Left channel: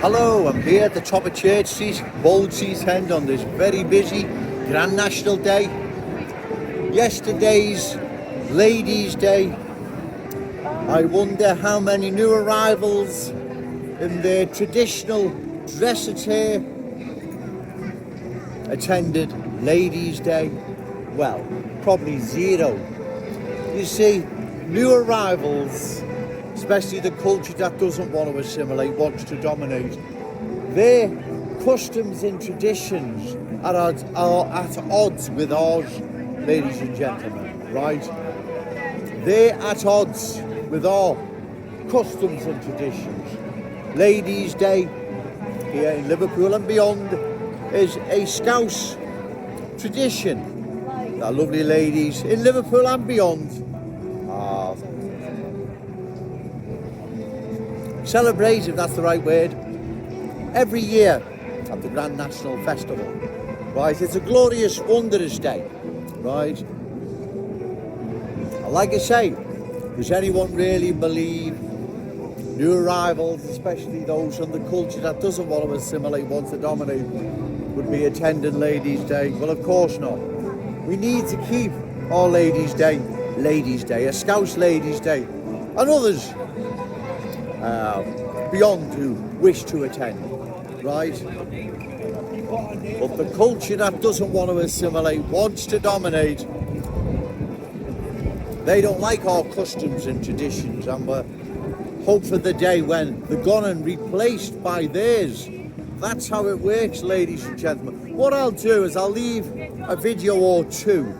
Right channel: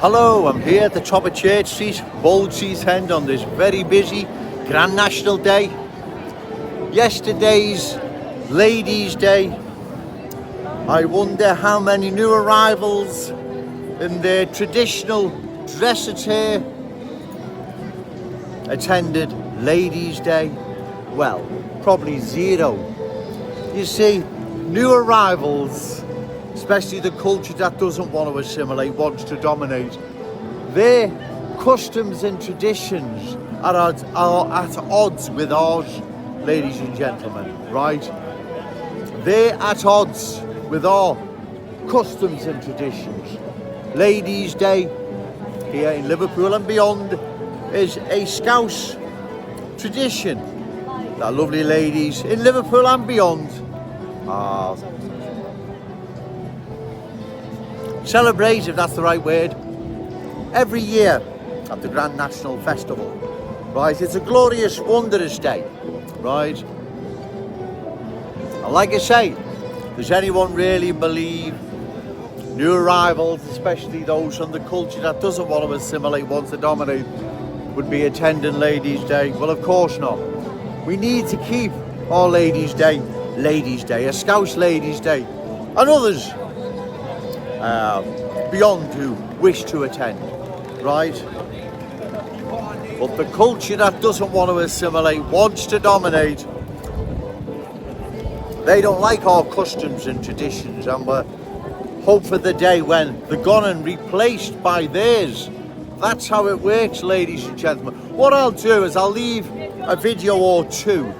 Hello, I'm here at the top of Church Street, Bold Street End on this very busy Grand National Day. Yesterday's Ladies' Day. I wonder how many new arrivals in their traditional dress attire attended Ladies' Day. Well, probably zero. You see, new arrivals, especially the culture that doesn't want to assimilate, wants to dominate, their customs and traditions are at odds with ours, ladies and gentlemen, right? They're at odds with our customs and traditions. Ladies' Day here in Liverpool and beyond is a Scouse tradition that lovely ladies in Liverpool and beyond are celebrate, if that's the right word, every year at the Grand National Festival, right? It's a glorious, wondrous day, right? And like I say, does anyone really believe new arrivals, especially those from the culture that doesn't want to assimilate, wants to dominate, would be attending Ladies' Day? Well, of course not. We need to keep our Ladies' Day, a Scouse Ladies' Day, and others beyond who wish to attend, right? But the culture that doesn't want to assimilate, wants to dominate, they don't like our customs and traditions, and we hope for the day when they're gone and replaced by theirs. That's how it works, ladies and gentlemen. What I'll do is I'll leave a video or two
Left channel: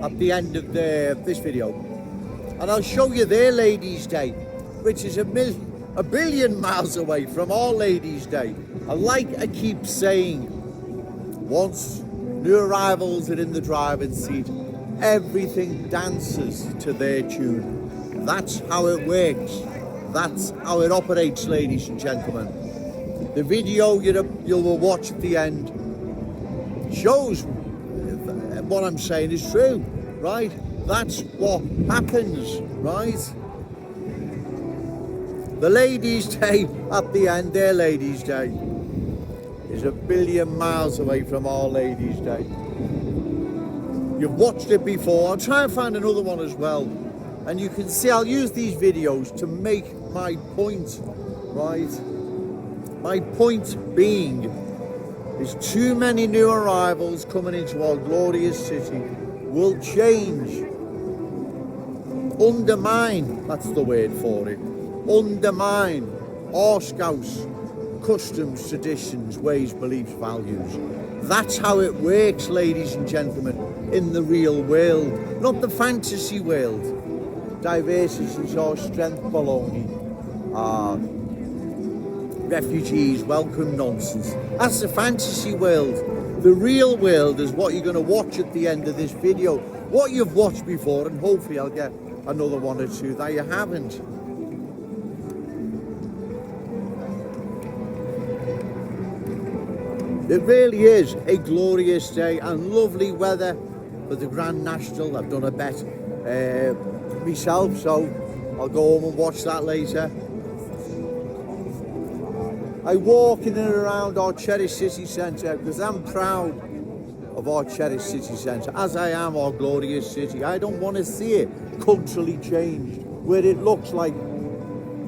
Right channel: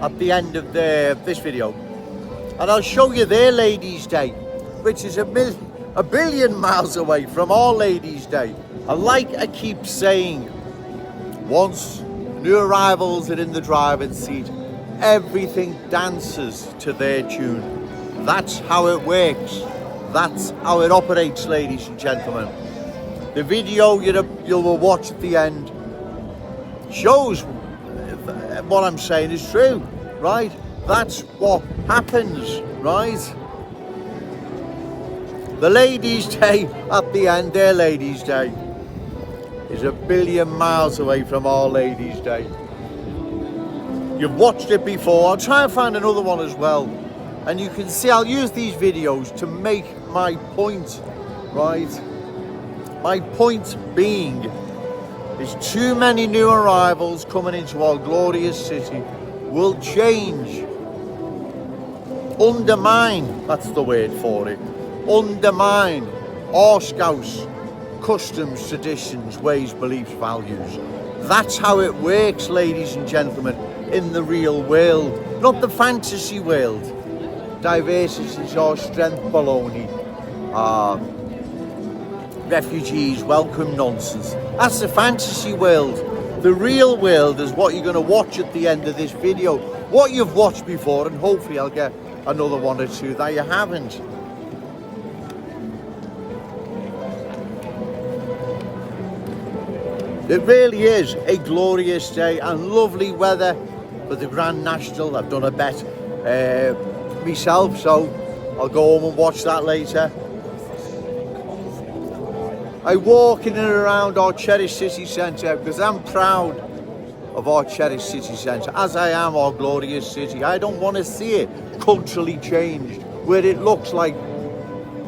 at the end of this video, and I'll show you their Ladies' Day, which is a billion miles away from our Ladies' Day. And like I keep saying, once new arrivals are in the driving seat, everything dances to their tune. That's how it works. That's how it operates, ladies and gentlemen. The video you'll watch at the end shows what I'm saying is true, right? That's what happens, right? The Ladies' Day at the end, their Ladies' Day, is a billion miles away from our Ladies' Day. You've watched it before. I'll try and find another one as well. And you can see I'll use these videos to make my point, right? My point being is too many new arrivals coming into our glorious city will change, undermine, that's the word for it, undermine our Scouse customs, traditions, ways, beliefs, values. That's how it works, ladies and gentlemen, in the real world, not the fantasy world. Diversity is our strength baloney. Refugees welcome nonsense. That's the fantasy world. The real world is what you're going to watch at the end of this video, what you've watched before, and hopefully I'll get another one or two that you haven't. It really is a glorious day and lovely weather for the Grand National. I've done a bet myself, so I'll go home and watch that later. I walk in and around our cherished city centre because I'm proud of our cherished city centre, as I am our glorious city. I don't want to see it culturally changed, where it looks like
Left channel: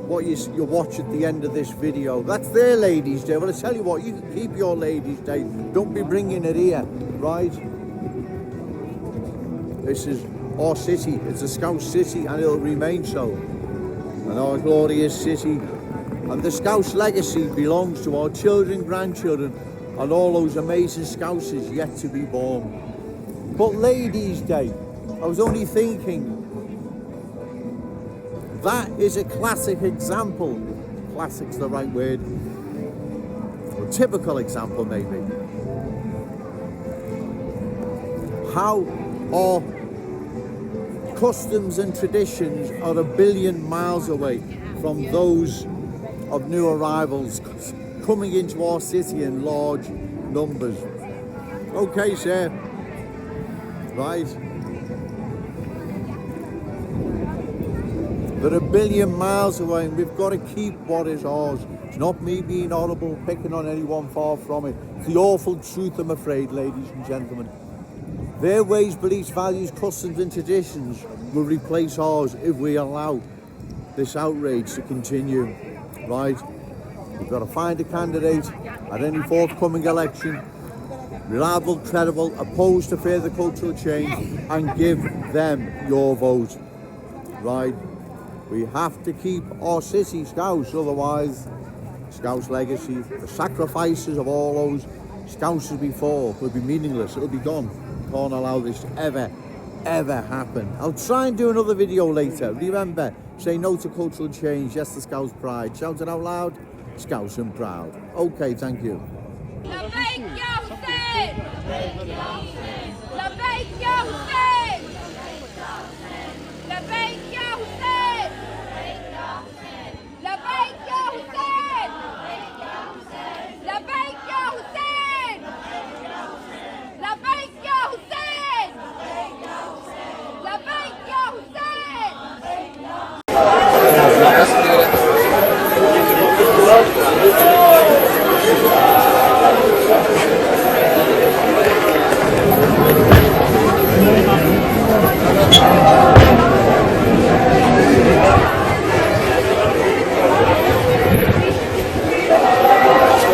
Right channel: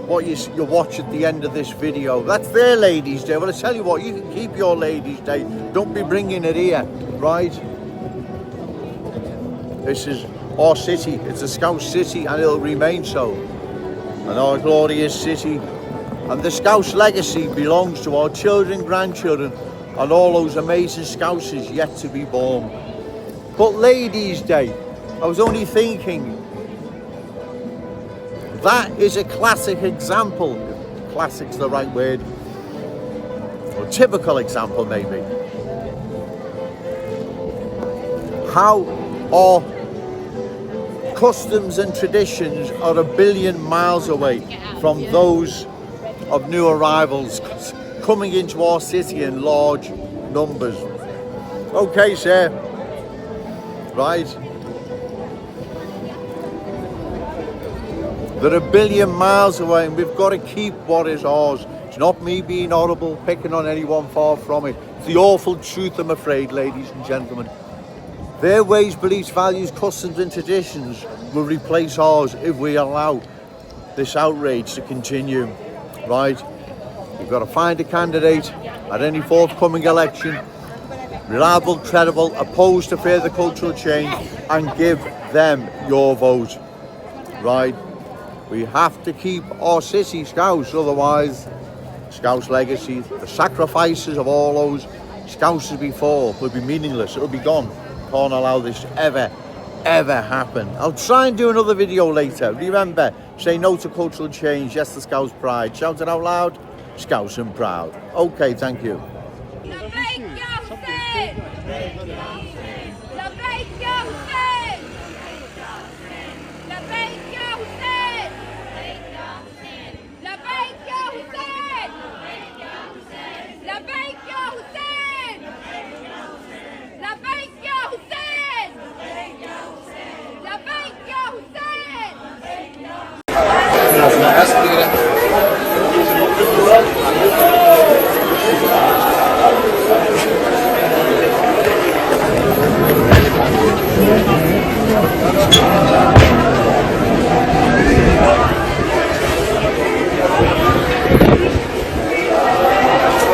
what you watch at the end of this video. That's their Ladies' Day. Well, I tell you what, you can keep your Ladies' Day. Don't be bringing it here, right? This is our city. It's a Scouse city, and it'll remain so. And our glorious city. And the Scouse legacy belongs to our children, grandchildren, and all those amazing Scousers yet to be born. But Ladies' Day, I was only thinking, that is a classic example, if classic's the right word, or typical example maybe, how our customs and traditions are a billion miles away from those of new arrivals coming into our city in large numbers. Okay, sir. Right. They're a billion miles away, and we've got to keep what is ours. It's not me being horrible, picking on anyone, far from it. It's the awful truth, I'm afraid, ladies and gentlemen. Their ways, beliefs, values, customs and traditions will replace ours if we allow this outrage to continue, right? You've got to find a candidate at any forthcoming election, reliable, credible, opposed to further cultural change, and give them your vote, right? We have to keep our city Scouse, otherwise Scouse legacy, the sacrifices of all those Scousers before will be meaningless, it'll be gone. Can't allow this to ever happen. I'll try and do another video later. Remember, say no to cultural change, yes to Scouse pride. Shout it out loud, Scouse and proud. Okay, thank you.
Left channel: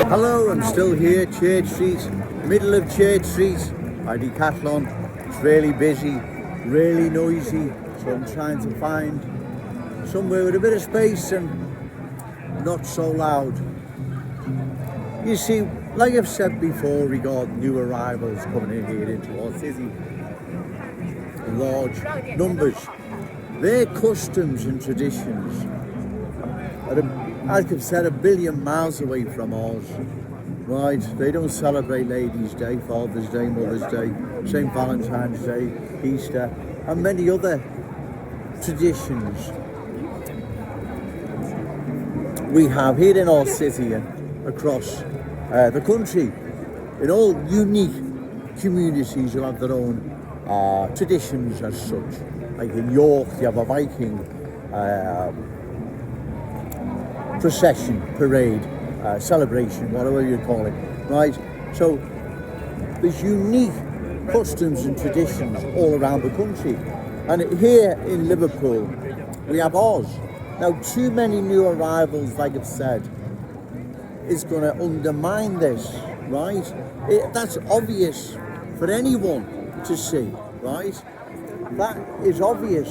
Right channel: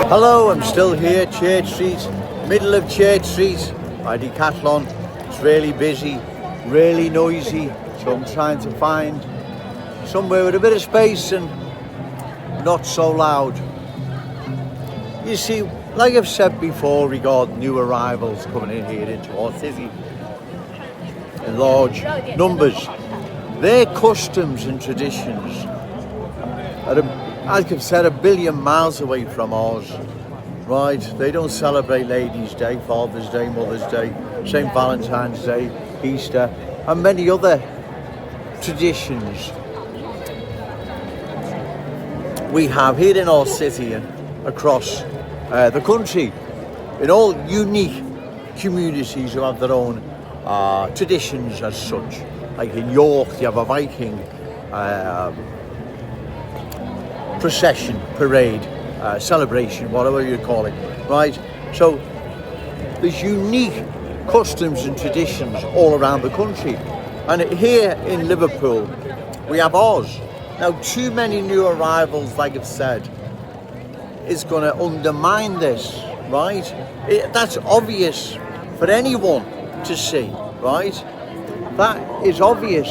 Hello, I'm still here, Church Street, middle of Church Street by Decathlon. It's really busy, really noisy, so I'm trying to find somewhere with a bit of space and not so loud. You see, like I've said before regarding new arrivals coming in here into our city in large numbers, their customs and traditions are, like I've said, 1 billion miles away from ours, right? They don't celebrate Ladies' Day, Father's Day, Mother's Day, St. Valentine's Day, Easter, and many other traditions we have here in our city and across the country, in all unique communities who have their own traditions as such. Like in York, you have a Viking procession, parade, celebration, whatever you call it, right? So there's unique customs and traditions all around the country. And here in Liverpool, we have ours. Now, too many new arrivals, like I've said, is going to undermine this, right? That's obvious for anyone to see, right? That is obvious.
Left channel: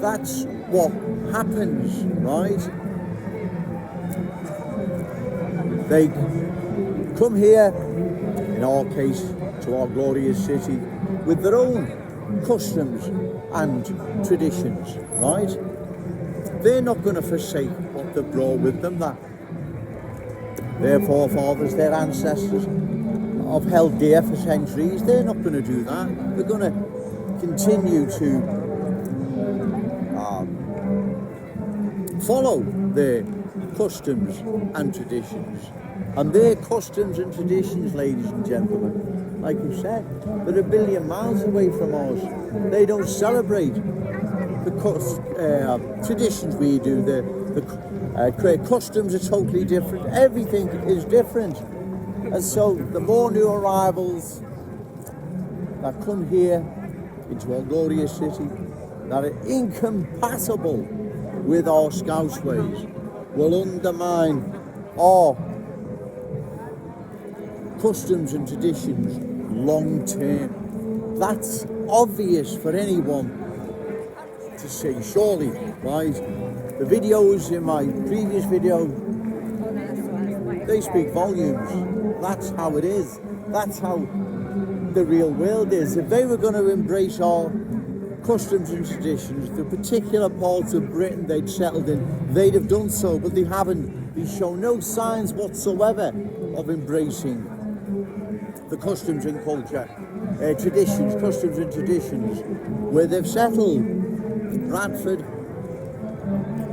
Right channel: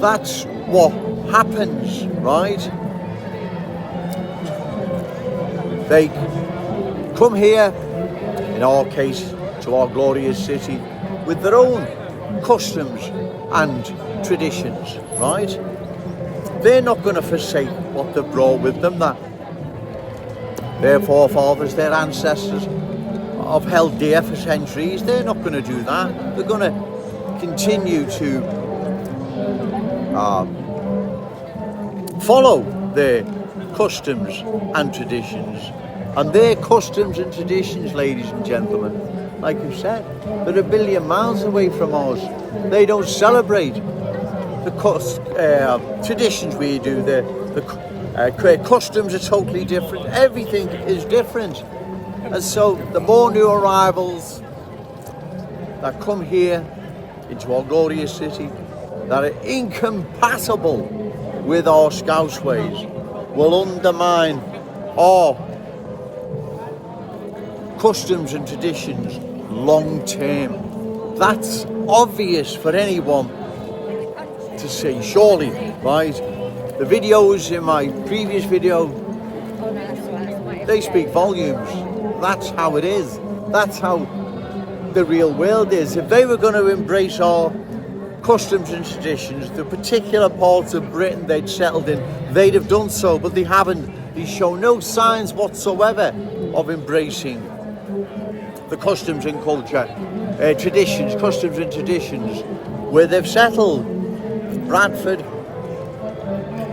That's what happens, right? They come here, in our case, to our glorious city, with their own customs and traditions, right? They're not going to forsake what they've brought with them, that their forefathers, their ancestors have held dear for centuries. They're not going to do that. They're going to continue to follow their customs and traditions. And their customs and traditions, ladies and gentlemen, like you said, they're 1 billion miles away from ours. They don't celebrate the traditions we do. The customs are totally different. Everything is different. And so the more new arrivals that come here into our glorious city that are incompatible with our Scouse ways will undermine our customs and traditions long term. That's obvious for anyone to see, surely, right? The videos in my previous video, they speak volumes. That's how it is. That's how the real world is. If they were going to embrace our customs and traditions, the particular parts of Britain they'd settled in, they'd have done so, but they haven't. They show no signs whatsoever of embracing the customs and culture, customs and traditions where they've settled. Bradford,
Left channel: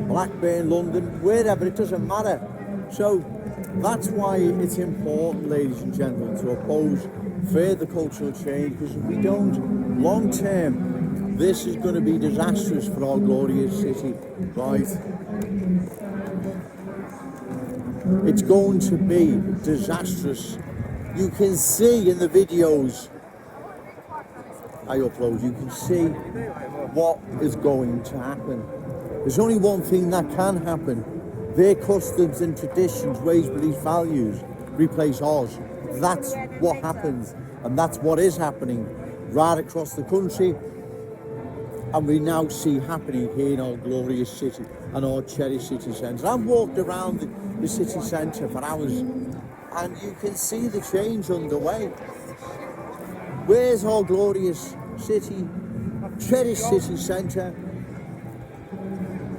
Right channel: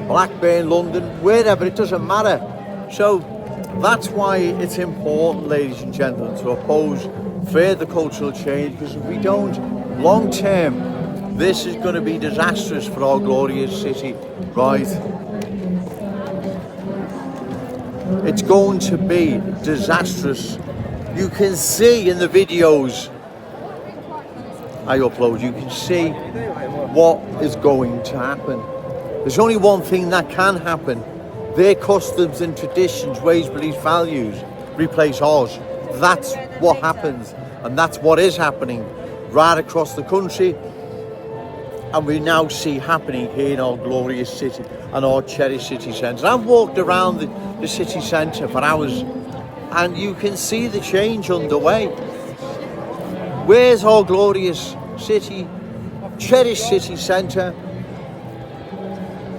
Blackburn, London, wherever, it doesn't matter. So that's why it's important, ladies and gentlemen, to oppose further cultural change, because if we don't, long term, this is going to be disastrous for our glorious city, right? It's going to be disastrous. You can see in the videos I upload, you can see what is going to happen. There's only one thing that can happen. Their customs and traditions, ways, beliefs, values replace ours. That's what happens, and that's what is happening right across the country, and we now see happening here in our glorious city and our cherished city centre. I've walked around the city centre for hours, and you can see the change underway. Where's our glorious city, cherished city centre?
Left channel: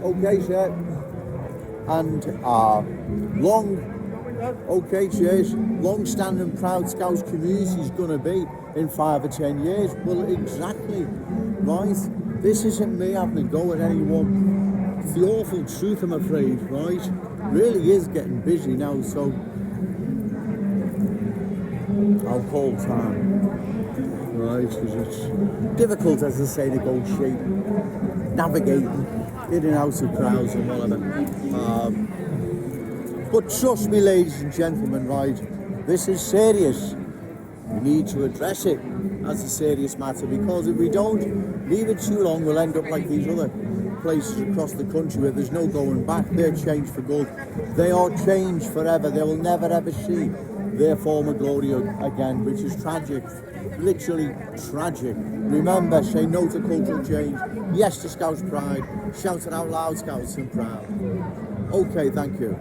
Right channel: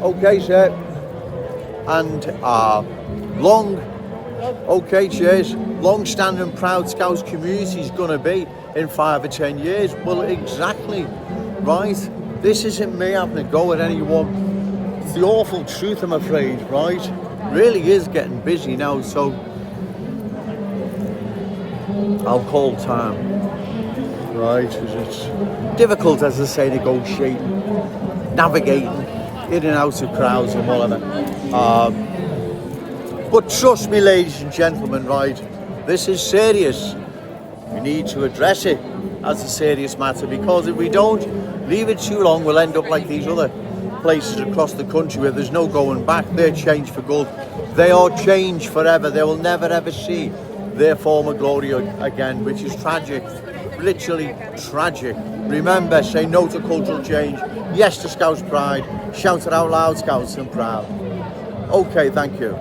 Okay, sir. And long-standing proud Scouse community is going to be in 5 or 10 years. Well, exactly, right? This isn't me having a go at anyone. It's the awful truth, I'm afraid, right? Really is getting busy now, so I'll call time, right? Because it's difficult, as I say, negotiating, navigating in and out of crowds and whatever. But trust me, ladies and gentlemen, right, this is serious. We need to address it as a serious matter, because if we don't leave it too long, we'll end up like these other places across the country where there's no going back. They're changed for good. They are changed forever. They will never ever see their former glory again, which is tragic, literally tragic. Remember, say no to cultural change, yes to Scouse pride, shout it out loud, Scouts and proud. Okay, thank you.